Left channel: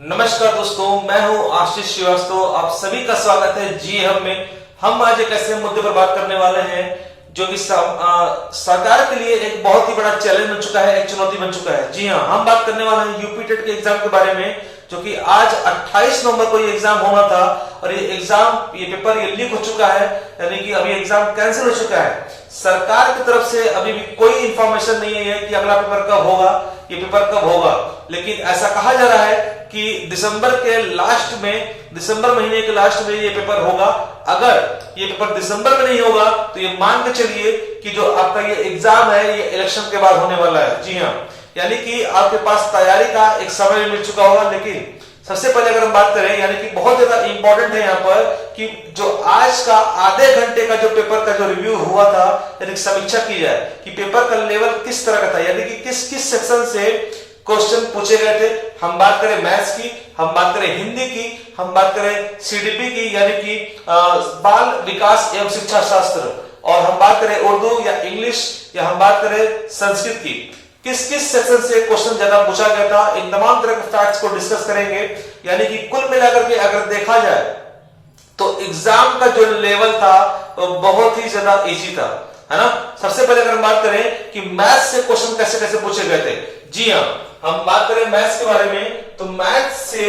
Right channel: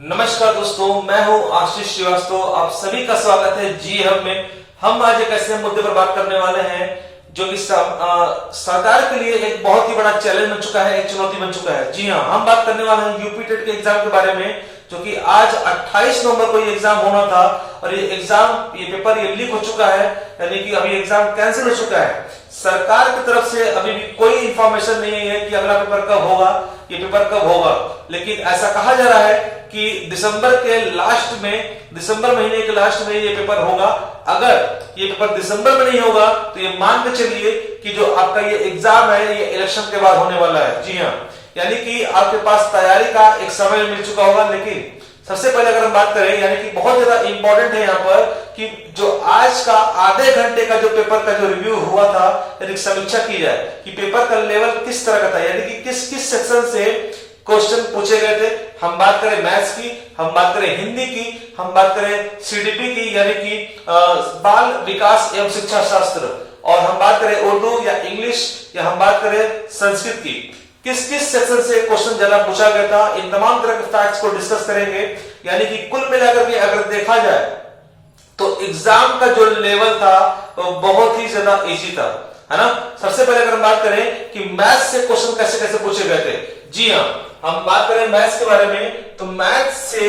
नमस्कार दोस्तों, मैं हूं आशीष श्रीवास्तव। आप सभी का स्वागत है जी हम आज एक ऐसे मुद्दे पर बात करने वाले हैं जो कि सरकार के लिए एक बहुत ही बड़ा चैलेंज बन चुका है, एक चुनौती बन चुका है। जी हाँ, हम बात करने वाले हैं यूपी टेट के एग्जाम के बारे में, जो कि आज 28 नवंबर को ये एग्जाम होना था और ये पेपर लीक हो चुका है, यानी कि अभी एग्जाम कैंसिल हो चुका है। सरकार की तरफ से अभी भी कोई इंफॉर्मेशन नहीं है कि अगला पेपर कब होगा, ये पेपर कब होगा। लेकिन ऐसा कहा जा रहा है कि दिसंबर महीने के लास्ट में ये पेपर होगा। अगर ये पेपर दिसंबर में नहीं होगा तो ये मान के चलिए कि जो आपका ये एग्जाम है ये इलेक्शन के बाद होने वाला है। जी हाँ, यानी कि आपके पास तैयारी का एक समय मिल चुका होगा। लेकिन सबसे पहले अगर हम बात करें, यानी कि बहुत ज्यादा इंपॉर्टेंट है यहाँ पर कि जो आज का आधे घंटे का जो पेपर का जो रिव्यू हुआ था, यानी समीक्षा की जाए कि पेपर का लेवल किस तरह का था, यानी कि किस किस सेक्शन से क्वेश्चन पूछे गए थे। हम बात करें मैथ्स की, हम बात करें हिंदी की, हम बात करें सीडीपी की यानी कि बाल विकास एवं शिक्षा शास्त्र, और हम बात करें उर्दू या इंग्लिश, या हम बात करें संस्कृत की, किस किस सेक्शन से क्वेश्चन ज्यादा पूछा गया था। इन तमाम तरह के फैक्ट्स को डिस्कस करेंगे। यानी कि कुल मिलाकर के अगर देखा जाए तो एग्जाम का जो लेवल था वो बहुत ही ज्यादा इजी था, है ना। सबसे पहले अगर हम बात करें कि मैथ्स से क्वेश्चन कैसे कैसे पूछे गए थे। जी हाँ, हम बात करें मैथ्स के बारे में तो मैथ्स से,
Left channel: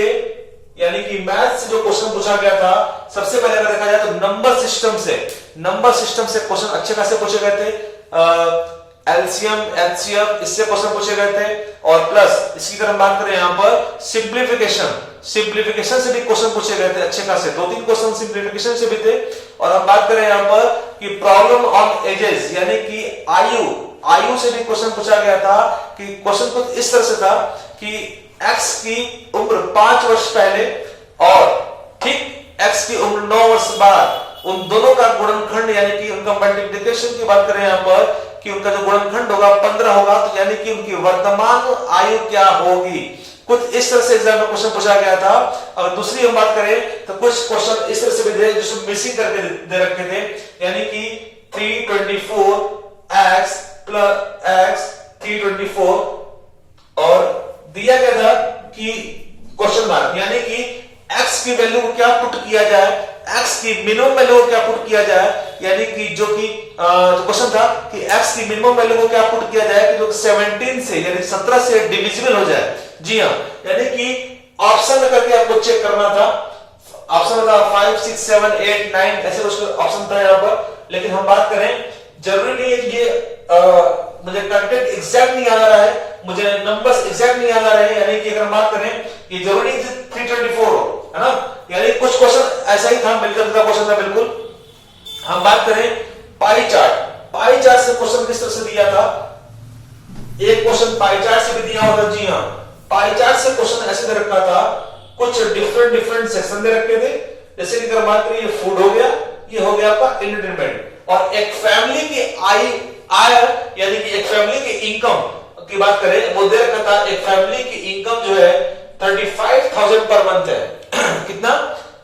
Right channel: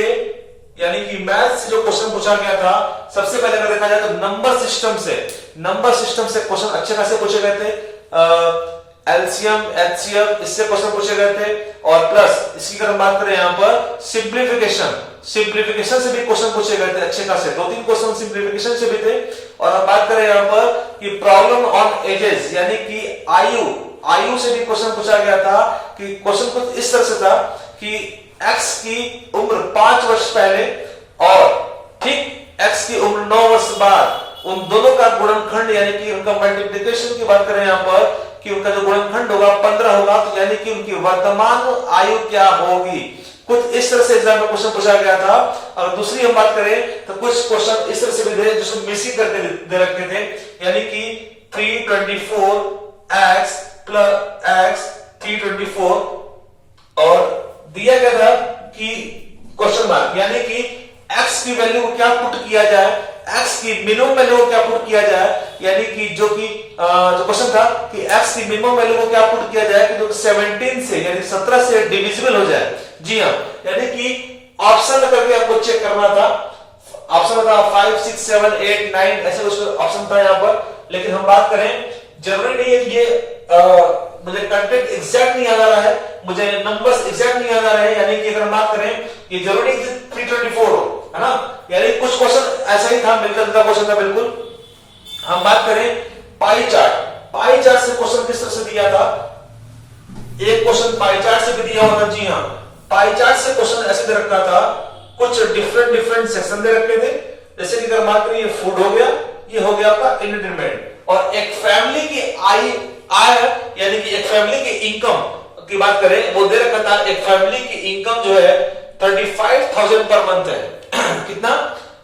यानी कि मैथ्स से जो क्वेश्चन पूछा गया था, सबसे पहले अगर देखा जाए तो नंबर सिस्टम से क्वेश्चन अच्छे खासे पूछे गए थे। एलसीएम, एचसीएफ, इससे क्वेश्चन पूछे गए थे। और प्लस इसकी अगर हम बात करें यहाँ पर सिंप्लीफिकेशन से भी क्वेश्चन पूछे गए थे अच्छे खासे, 2-3 क्वेश्चन सिंप्लीफिकेशन से भी थे। और हम बात करें यहाँ पर कि प्रॉब्लम ऑन एजेस, यानी कि आयु से भी क्वेश्चन पूछा गया था। कि क्वेश्चन कुछ इस तरह से था कि एक्स की उम्र 5 वर्ष पहले और ठीक एक्स की उम्र 9 वर्ष बाद, उन दोनों का गुणनखंड यानी कि उनका मल्टीप्लिकेशन की बात करें यहाँ पर कि उनका जो गुणनखंड होगा 15 होगा, तो यानी कि उनकी वर्तमान आयु क्या होगी। कुछ इस तरह से एग्जाम में क्वेश्चन पूछा गया था। अगर दूसरी हम बात करें तो कुछ क्वेश्चन इस तरह से भी थे जिसमें मिसिंग करके दे रखे थे, यानी कि 324x प्लस x 324, और दिया गया था कि क्वेश्चन मार्क, यानी कि x की वैल्यू को क्या पुट किया जाए, x की मिनिमम वैल्यू को क्या पुट किया जाए, यानी कि जो क्वेश्चन था कि x की मिनिमम वैल्यू को क्या पुट किया जाए कि जो 17 से यानी 17 से डिविजिबल हो जाए। जी हाँ, यानी कि ऑप्शन करके आपको चेक करना था। ऑप्शन था 5, 6, 7, 8, 9 ऐसे कुछ ऑप्शन था यहाँ पर। लेकिन हम बात करें, जरूरी नहीं है कि ये मुझे कंटेंट एग्जैक्ट नहीं याद आ रहा है, मुझे नंबर्स एग्जैक्ट नहीं याद आ रहे हैं, यानी कि अगर हम बात करें कि जरूरी नहीं 324 हो, है ना। यानी कुछ क्वेश्चन ऐसा ही था, मिलकर जुलता क्वेश्चन था बिल्कुल। हम बात करें पाई चार्ट से क्वेश्चन किस तरह से दिया था। एक क्वेश्चन पाई चार्ट से भी दिया हुआ था। जी हाँ, पाई चार्ट से क्वेश्चन ऐसे दे रखा था, कुछ डिफरेंट सेक्शन दे रखे थे। जैसे कि अगर बात करें ये फूड हो गया, ये हो गया आपका एंटरटेनमेंट, और एक फैमिली की आय यानी कि एक फैमिली की इनकम की बात करें, वो दे रखा था एक फैमिली की इनकम जो है 35,000 पर मंथ है। कितना?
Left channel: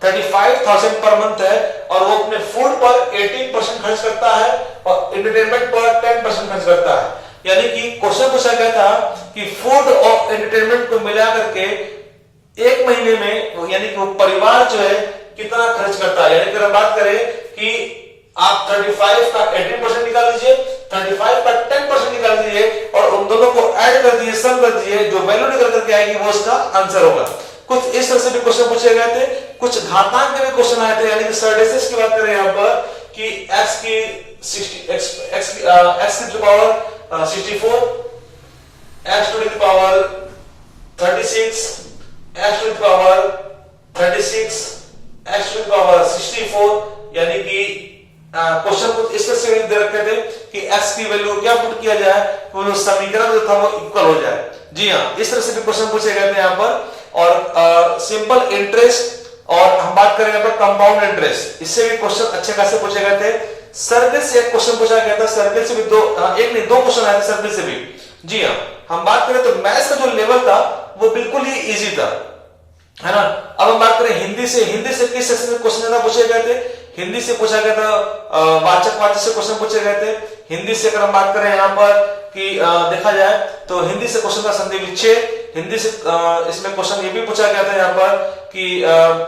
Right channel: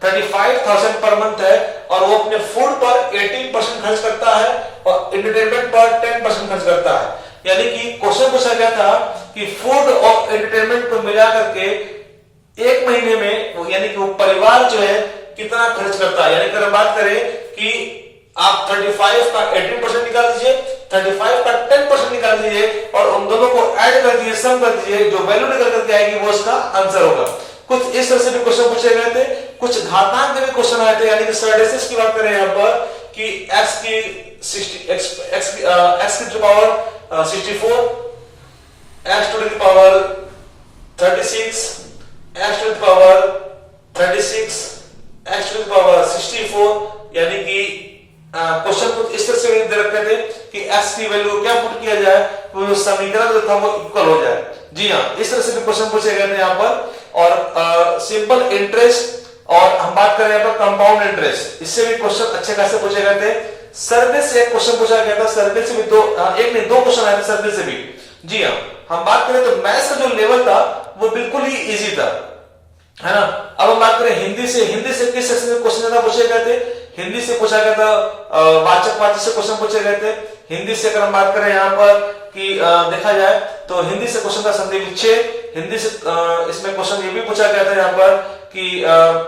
35,000 पर मंथ है, और वो अपने फूड पर 18% खर्च करता है और एंटरटेनमेंट पर 10% खर्च करता है। यानी कि क्वेश्चन पूछा गया था कि फूड और एंटरटेनमेंट को मिला करके एक महीने में यानी कि वो परिवार जो है कितना खर्च करता है। यानी कि अगर बात करें कि आप 35 का 18% निकाल दीजिए, 35 का 10% निकाल दीजिए, और उन दोनों को ऐड कर दीजिए, सम कर दीजिए, जो वैल्यू निकल करके आएगी वो उसका आंसर होगा। कुछ इस तरह से भी क्वेश्चन पूछे गए थे। कुछ घातांक के भी क्वेश्चन आए थे, यानी कि सर्डेसिस की बात करें यहाँ पर कि x की power 64, x to the power 36, x to the power 36, x to the power 64, यानी कि क्वेश्चन कुछ इस तरह से दे रखे थे कि x की वैल्यू क्या पुट किया जाए तो जो समीकरण जो था वो इक्वल हो जाए। जी हाँ, इस तरह से भी क्वेश्चन पूछे गए थे यहाँ पर। और सिंपल इंटरेस्ट, और हम बात करें यहाँ पर कंपाउंड इंटरेस्ट, इससे भी क्वेश्चन अच्छे खासे पूछे गए थे। सर्कल से एक क्वेश्चन पूछा गया था, सर्कल से भी दो क्वेश्चन आए थे सर्कल से भी। जी हाँ, हम बात करें तो मैथ्स का जो लेवल था वो बिल्कुल ही इजी था, है ना। अब हम बात करें हिंदी से किस सेक्शन में क्वेश्चन ज्यादा पूछे गए थे। हिंदी से पूछा गया था वाचक से क्वेश्चन पूछे गए थे। हिंदी से अगर हम बात करें यहाँ पर कि देखा जाए तो हिंदी से क्वेश्चन था संधि विच्छेद, हिंदी से इसमें क्वेश्चन ये भी पूछा गया था यहाँ पर कि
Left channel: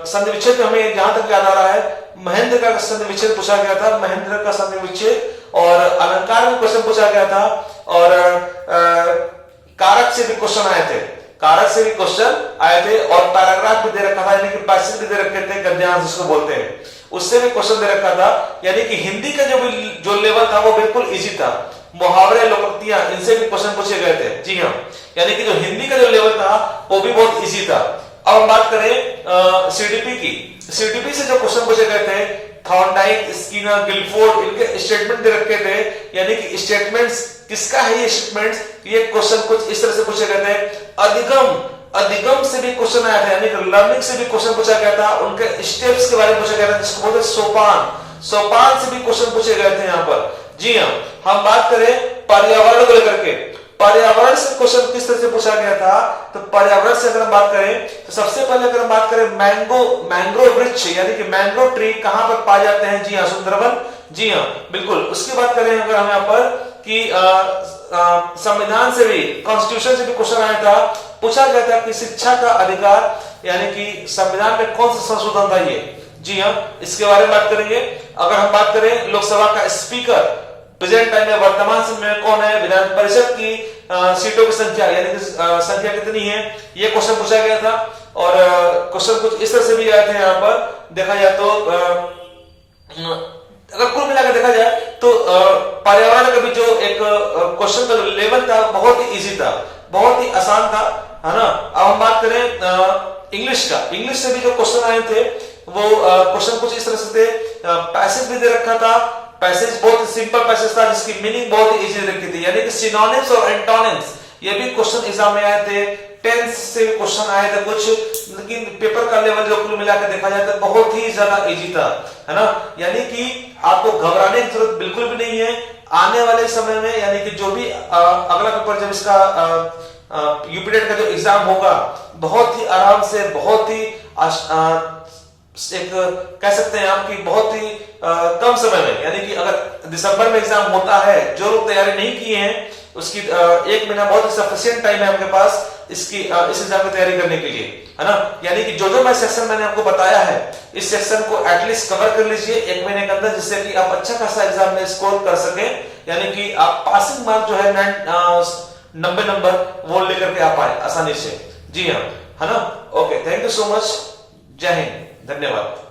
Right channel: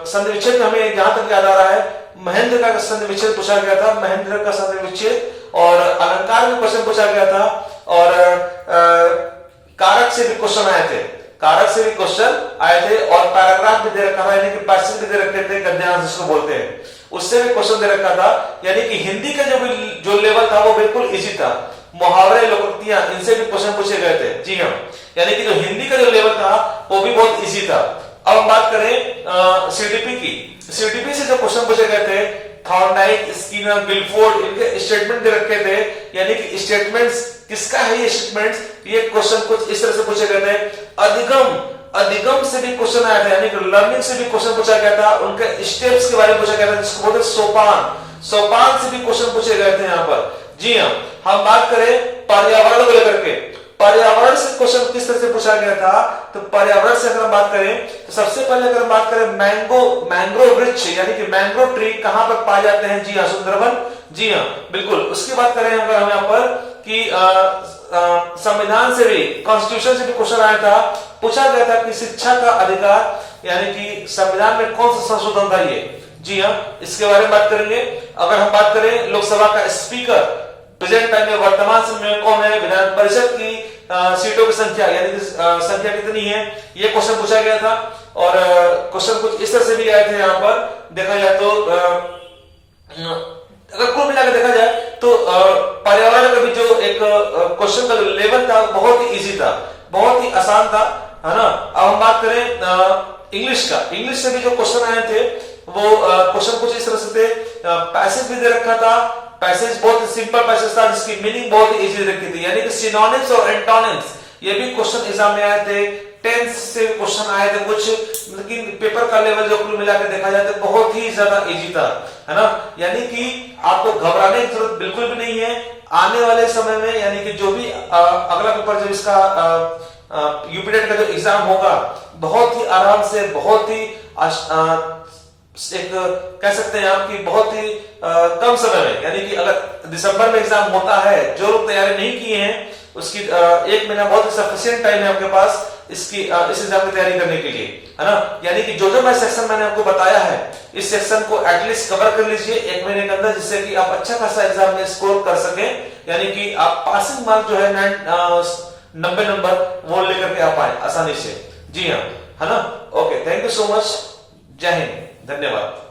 संधि विच्छेद में हमें जहां तक याद आ रहा है महेंद्र का संधि विच्छेद पूछा गया था, महेंद्र का संधि विच्छेद, और अलंकार में क्वेश्चन पूछा गया था, और कारक से भी क्वेश्चन आए थे, कारक से भी क्वेश्चन आए थे, और पैराग्राफ भी दे रखा था, यानी कि पैसेज भी दे रखे थे, गद्यांश जिसको बोलते हैं, उससे भी क्वेश्चन दे रखा था। यानी कि हिंदी का जो लेवल था वो बिल्कुल इजी था। मुहावरे, लोकोक्तियां, इनसे भी क्वेश्चन पूछे गए थे। जी हाँ, यानी कि जो हिंदी का जो लेवल था वो भी बहुत इजी था। अब हम बात करें सीडीपी की। सीडीपी से जो क्वेश्चन पूछे गए थे, थॉर्नडाइक, स्किनर, गिलफोर्ड, इनके स्टेटमेंट दे रखे थे, यानी कि स्टेटमेंट्स किसका है ये स्टेटमेंट्स, ये क्वेश्चन कुछ इस तरह से पूछे गए थे। अधिगम से भी क्वेश्चन आया था, यानी कि लर्निंग से भी क्वेश्चन पूछा गया था, उनके स्टेप्स के बारे में पूछा गया था, जिसको बोलते सोपान से भी क्वेश्चन पूछे गए थे यहाँ पर। जी हाँ, हम बात करें पर्यावरण को लेकर के, पर्यावरण से क्वेश्चन किस तरह से पूछा गया था, तो पर्यावरण से अगर हम बात करें तो सबसे पहले अगर हम बात करें मैंग्रोव वृक्ष, यानी कि मैंग्रोव ट्री कहां पर पाए जाते हैं, जी हाँ सुंदरवन, जी हाँ बिल्कुल। उसकी बात करें अगर हम यहाँ पर कि संविधान से भी, कॉन्स्टिट्यूशन से भी क्वेश्चन आया था, पूछा गया था कि शिक्षा का अधिकार, यानी कि संविधान में कौन सा संशोधन था ये, जी हाँ इसके बारे में बात करेंगे। अगर हम बात करें लोकसभा का स्पीकर प्रेजेंट टाइम में, वर्तमान समय में कौन है, विधान परिषद की सीटों की संख्या, यानी कि संख्या कितनी है, ये क्वेश्चन पूछा गया था। और क्वेश्चन कुछ इस तरह से भी आए थे यहाँ पर देखा जाए तो, अगर कुल मिलाकर देखा जाए तो पर्यावरण का भी जो एक क्वेश्चन का जो लेवल था बहुत ही इजी था, बहुत ही आसान था, है ना। अब हम बात करें इंग्लिश का, इंग्लिश से भी जो क्वेश्चन आए थे वो क्वेश्चन कुछ इस तरह से थे। पैसेज भी दे रखा था, पैसेज बहुत सिंपल पैसेज था जिसकी मीनिंग बहुत ही इजी रखी थी, यानी कि सिनोनिम्स और एंटोनिम्स, ये भी क्वेश्चन एग्जाम में आए थे। टेंस से क्वेश्चन आए थे कुछ, लेकिन पेपर का लेवल जो कुल मिलाकर देखा जाए तो बहुत ही ज्यादा इजी था, है ना। यानी कि आपको घबराने की जरूरत बिल्कुल भी नहीं है। आने वाले समय में, यानी कि जो भी अगला पेपर जब इसका यूपीटेट का जो एग्जाम होगा, बहुत ही आराम से, बहुत ही एक कह सकते हैं आप कि बहुत ही कम समय में, यानी कि अगर दिसंबर में एग्जाम होता है, जो लोग तैयारी नहीं किए हैं उसकी 1 महीना बहुत ही सफिशिएंट टाइम है आपके पास इस एग्जाम की तैयारी करने के लिए, है ना। यानी कि जो मैं सेक्शन मैंने आपको बताया है, इस सेक्शन को एटलीस्ट कवर कर लीजिए 1 महीने के अंदर, जिससे कि आप अच्छा खासा एग्जाम में स्कोर कर सके, यानी कि आप पासिंग मार्क जो है 90 नंबर वो लेकर के आ पाए आसानी से। जी हाँ, है ना। Okay, thank you so much, जय हिंद, धन्यवाद।